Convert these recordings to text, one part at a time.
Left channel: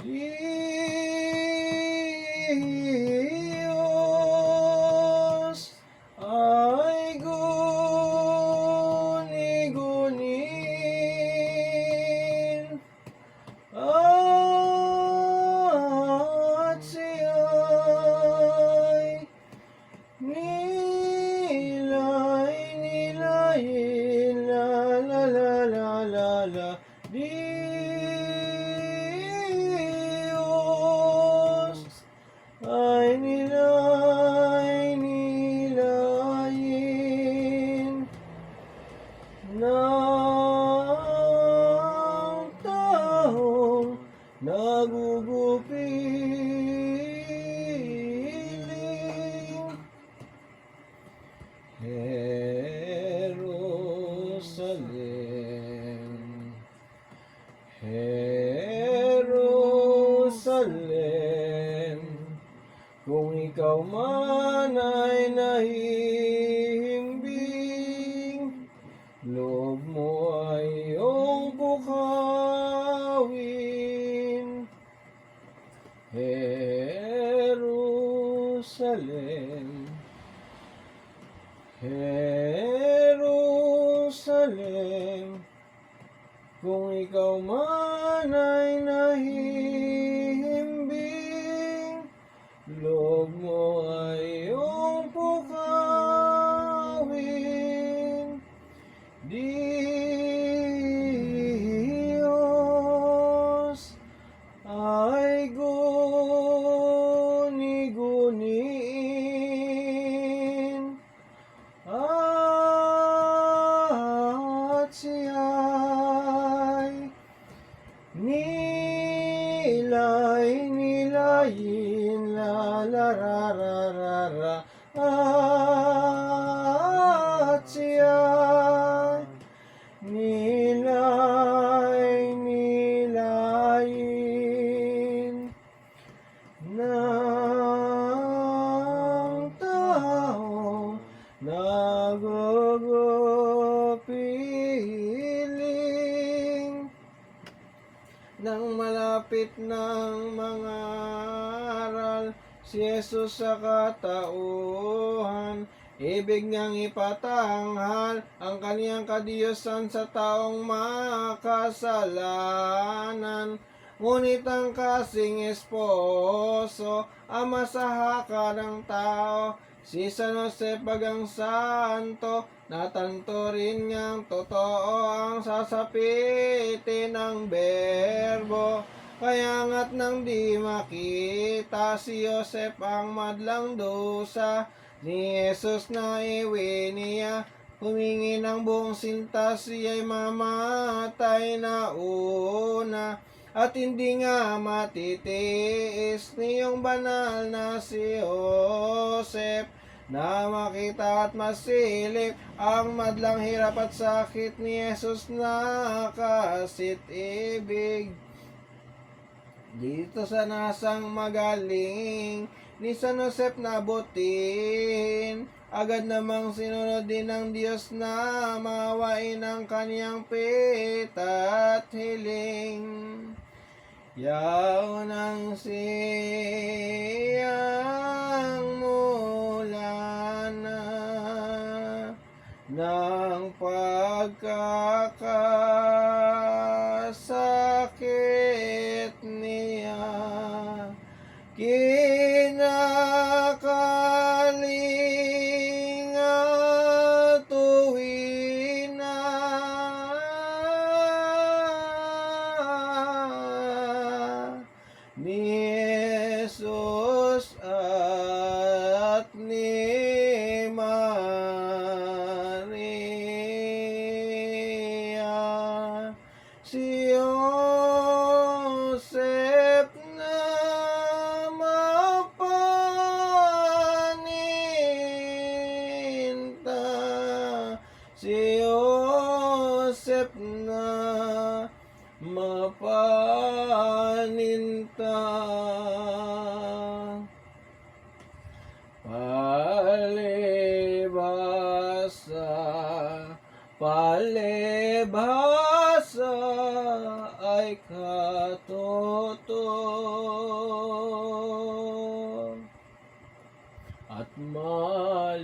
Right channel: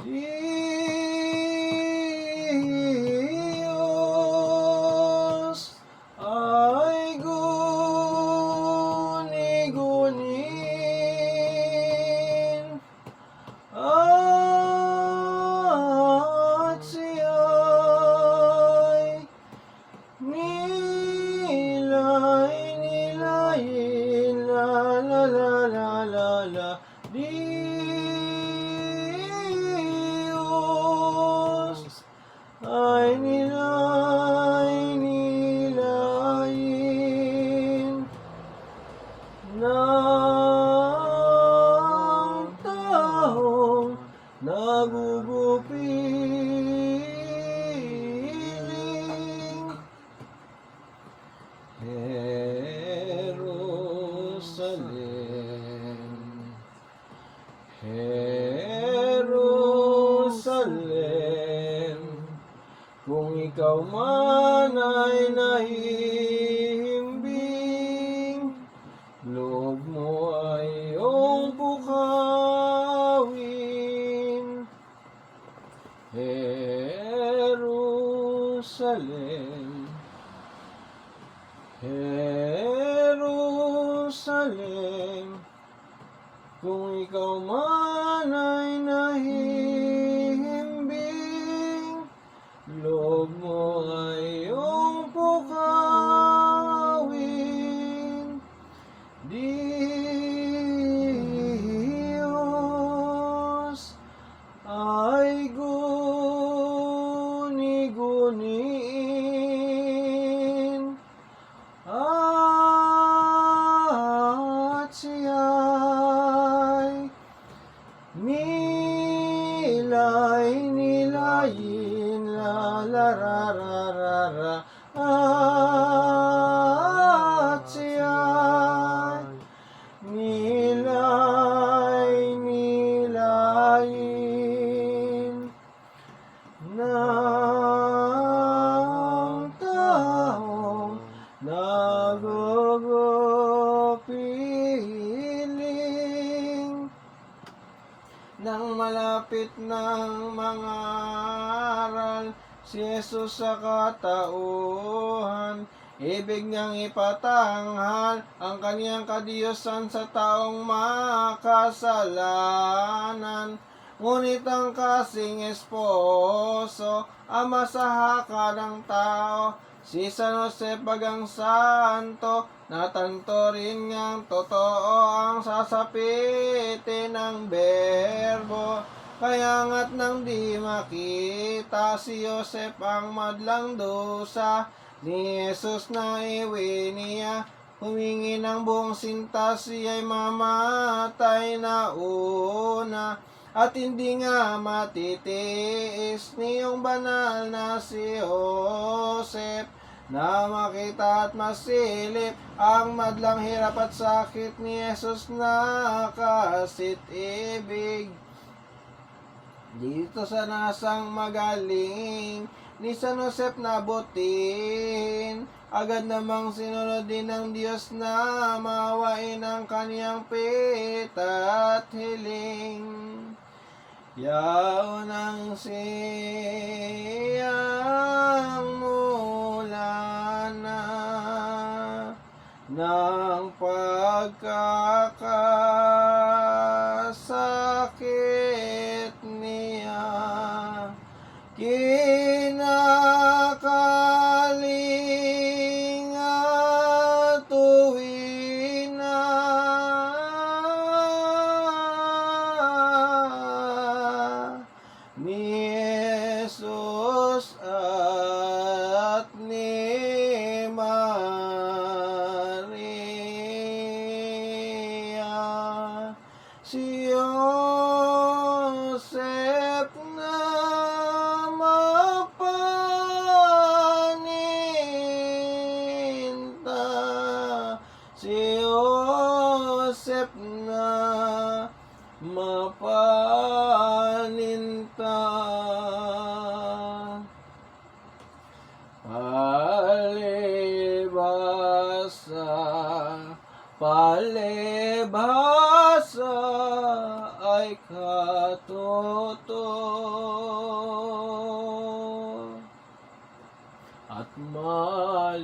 Diyos ay guni-gunin at siya'y nilay-nilayin, la la la la la la. Diyos ay nilay-nilayin ng taong nagugupiling Jerusalem, Jerusalem, kung ikaw man ay nahihimbing, loob mo ay iyong bukawin. Jerusalem, Jerusalem, kung ikaw man ay nahihimbing, loob mo ay iyong pukawin. Diyos ay guni-guniin at siya'y nilay-nilayin, la la ra ra ra ra, at siya'y nilay-nilayin ng taong nagugupiling. Nang malapit ng mga aral si Jesus sa katauhan, ibig niyang ipatanghal ang kaniyang kadiyusan sa taong makasalanan. Ngunit ang kasing esposo, ama sa haka ng tao, si San Jose bagang santo, natanto rin niyang totoo ang sasapitin ng berbo. Kaya nga't nang di makita si Joseph ang madlang dusa ni Jesus na iwi niya, humingi ng buong sinta, siya'y mamatay na una. At hindi nga matitiis niyong banal na si Joseph na makita at masilip ang madlang hirap at sakit ni Jesus na kasit-ibig. Dito sa nasang magaling ni San Joseph nabutin, agad namang sinunod din ng Diyos na mawain ang kaniyang pita at hiling. Yaon ang siyang mula na ng pagkakasakit niya, kinakalinga tuwi na ni Jesus at ni Maria. Si Joseph na mapaninta, si Joseph na mapaninta. Palibhasa ay katoto at malinis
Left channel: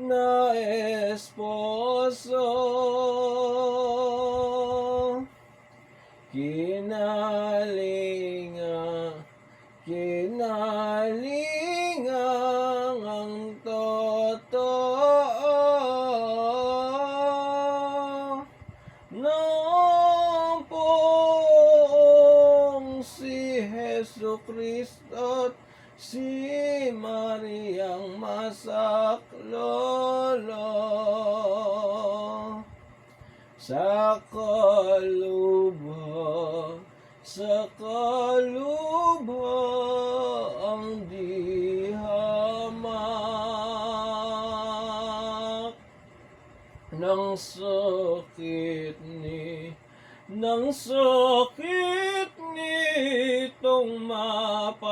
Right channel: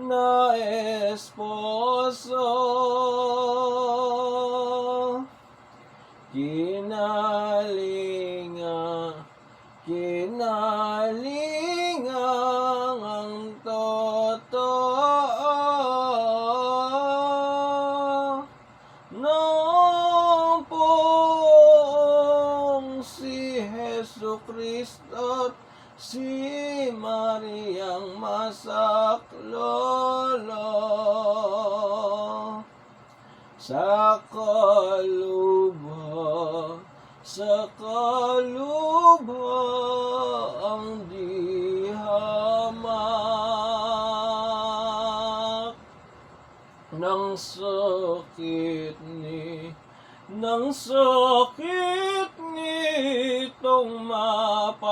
na esposo. Kinalingang ang totoo ng poong si Hesu Kristo't si Mariang Masaklolo. Sa kalubhang di hamak ng sakit nitong mapalad,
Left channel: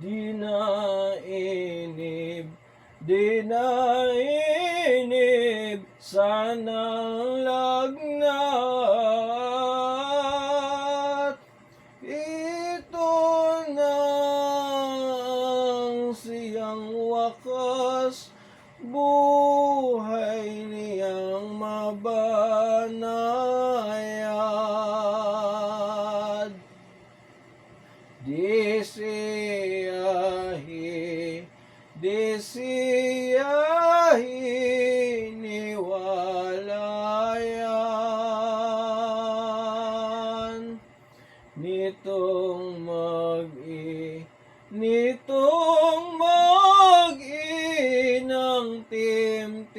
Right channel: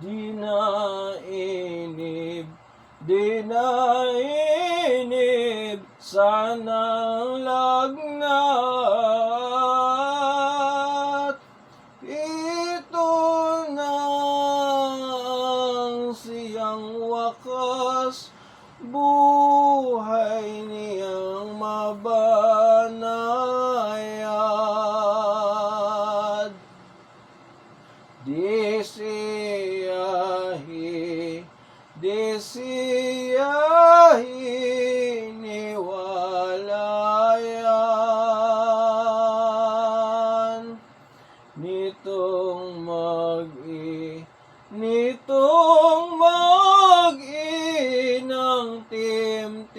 di nainib sanang lagnat. Ito na ang siyang wakas, buhay niyang mabanayad. Di siya hiniwalayan nitong mag-inang timtiman.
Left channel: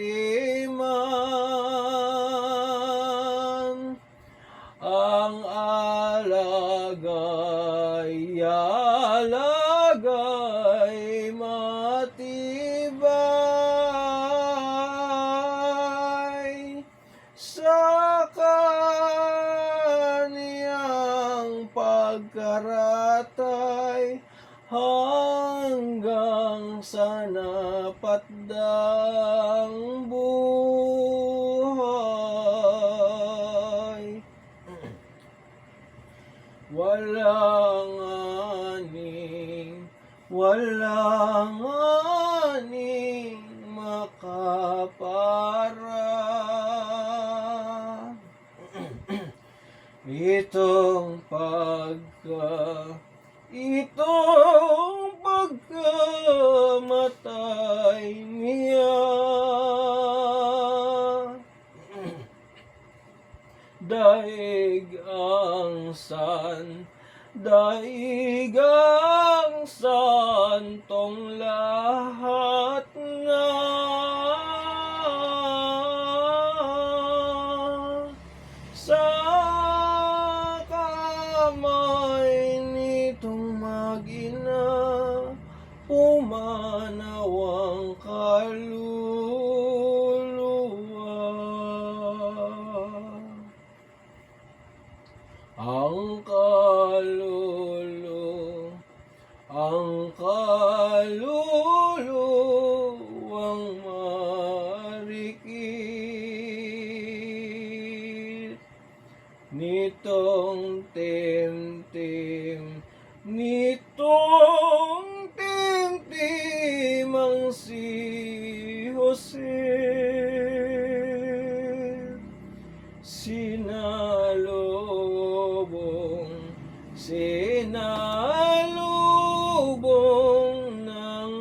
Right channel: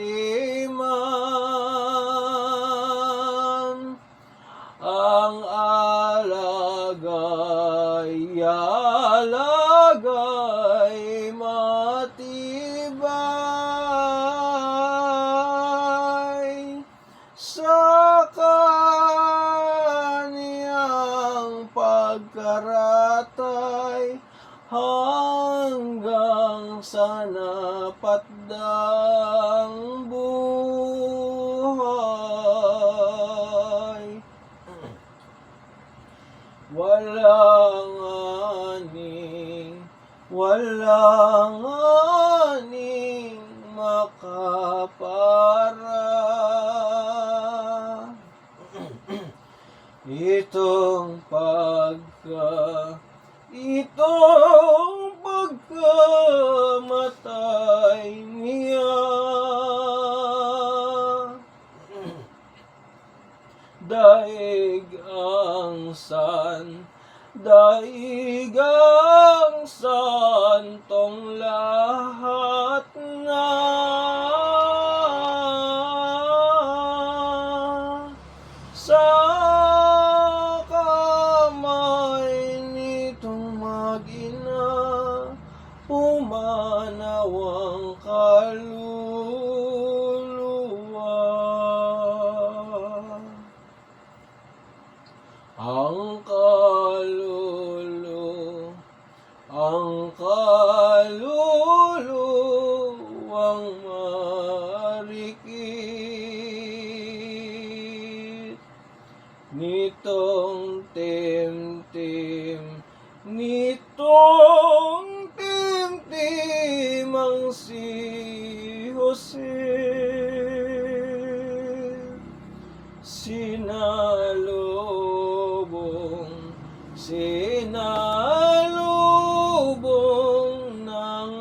Ang alagay matibay sa kaniyang pagkaratay hanggang sa napatdang buhay. Walang aning makapara. Itong pagkamatay niya, daig ang santong lahat na sa kamay nitong mag-ina pumanaw ang kaluluwa. Ang kaluluwang marikit nitong timtim ang si Jose. Sinalubong ng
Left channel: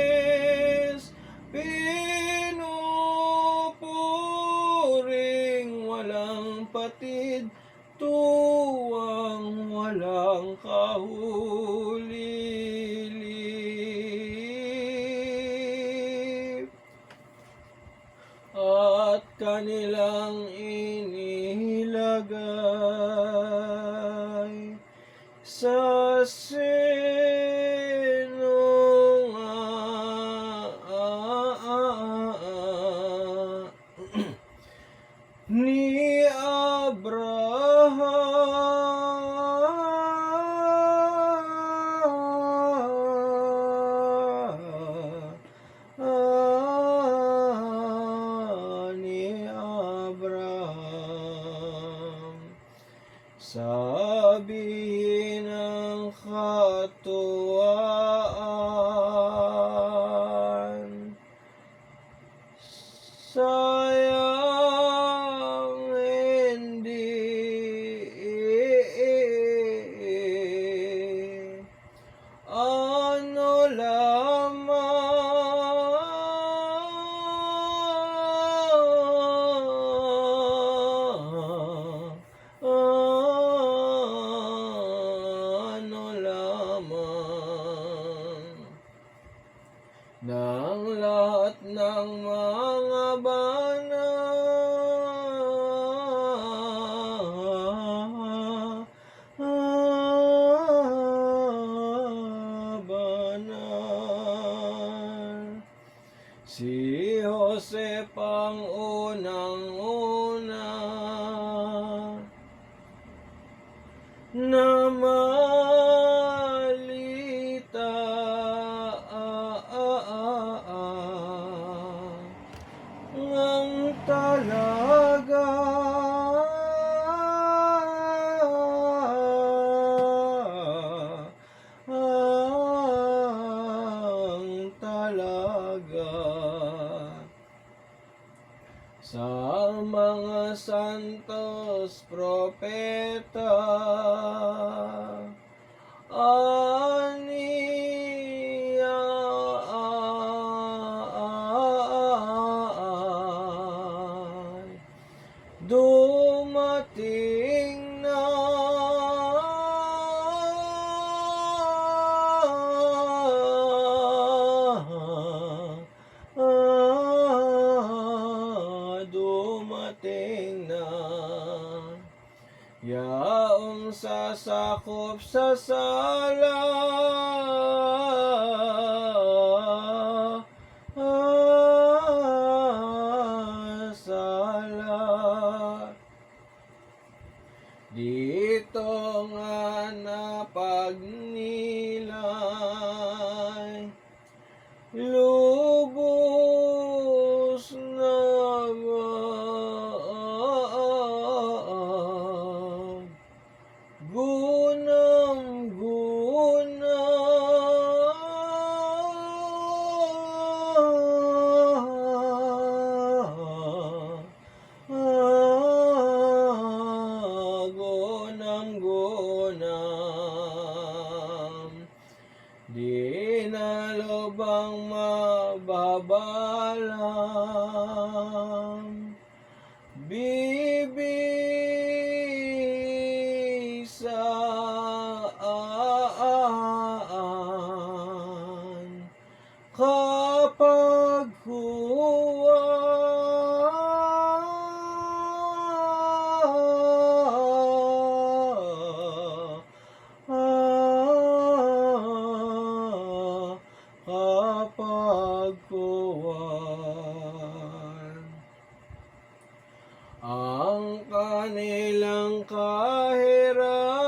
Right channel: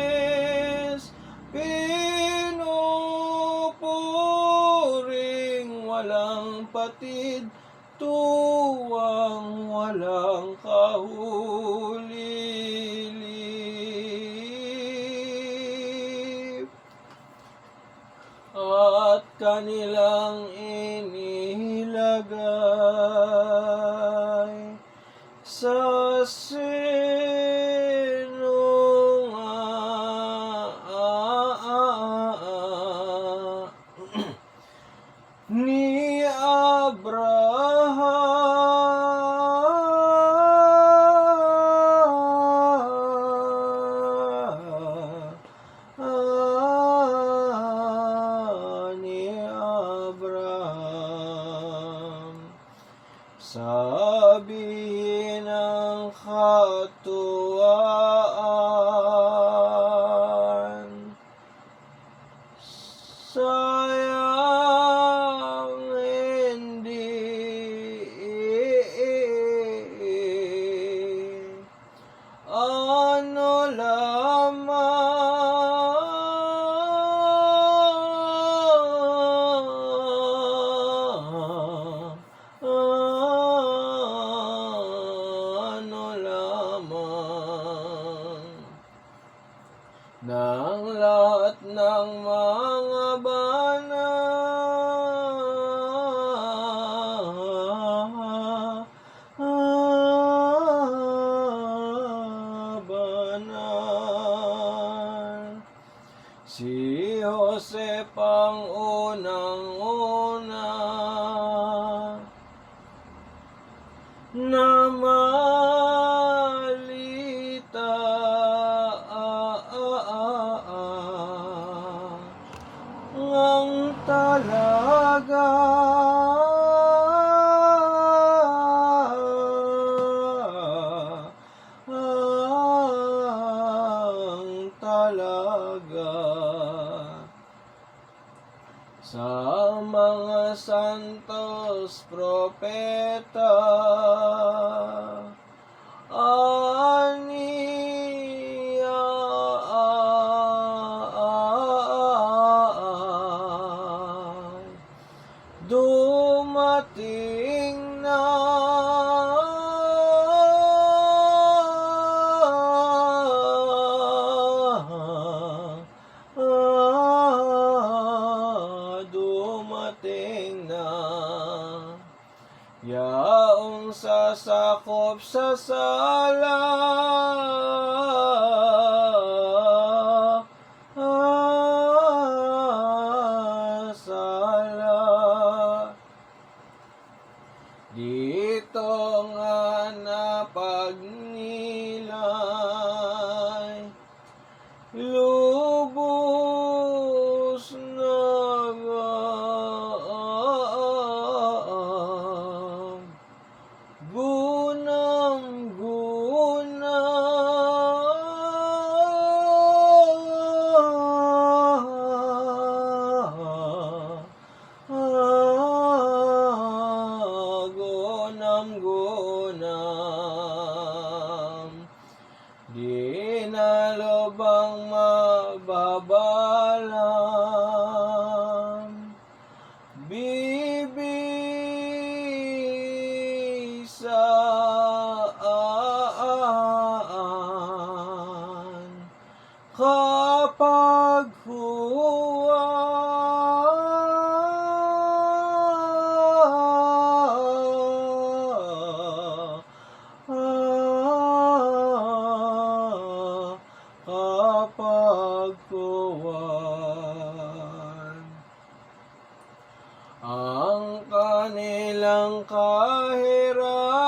angeles, pinupuring walang patid, tuwang walang kahulilip, at kanilang inilagay sa senong ni Abraham. ng katuwaan. Sayang hindi ano lamang, ano lamang ng lahat ng mga banal. Si Joseph ang unang-una na malita ang talaga ang talaga sa mga santos propeta dumating na dumating na yaong sasakop sa sala dito nga napagnilay lubos na gunam di na lubang mababalam bibisaan kapag kapagkuwan ang kanilang kahirapan